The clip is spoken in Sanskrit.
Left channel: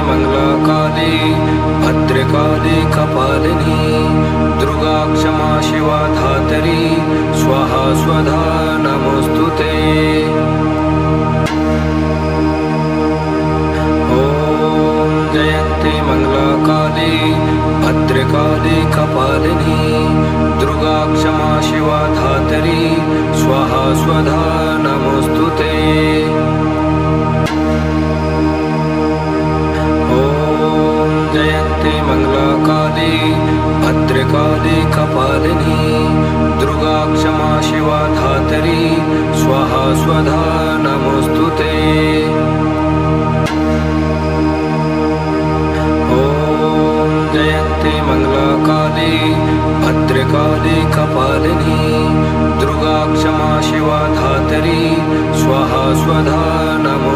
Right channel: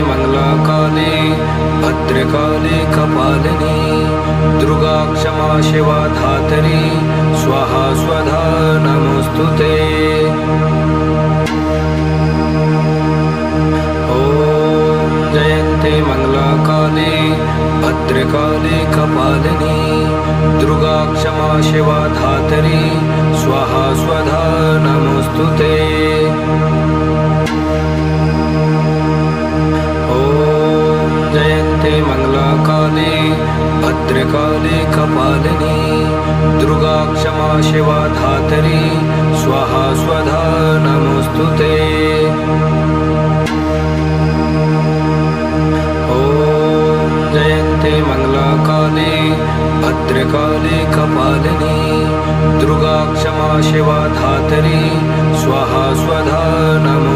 मंगलाकाली भद्रकाली कपालिनी दुर्गा क्षमा शिवा धात्री स्वाहा स्वधा नमोस्तुते। ओम जयंती मंगलाकाली भद्रकाली कपालिनी दुर्गा क्षमा शिवा धात्री स्वाहा स्वधा नमोस्तुते। ओम जयंती मंगलाकाली भद्रकाली कपालिनी दुर्गा क्षमा शिवा धात्री स्वाहा स्वधा नमोस्तुते। ओम जयंती मंगलाकाली भद्रकाली कपालिनी दुर्गा क्षमा शिवा धात्री स्वाहा स्वधा नमो।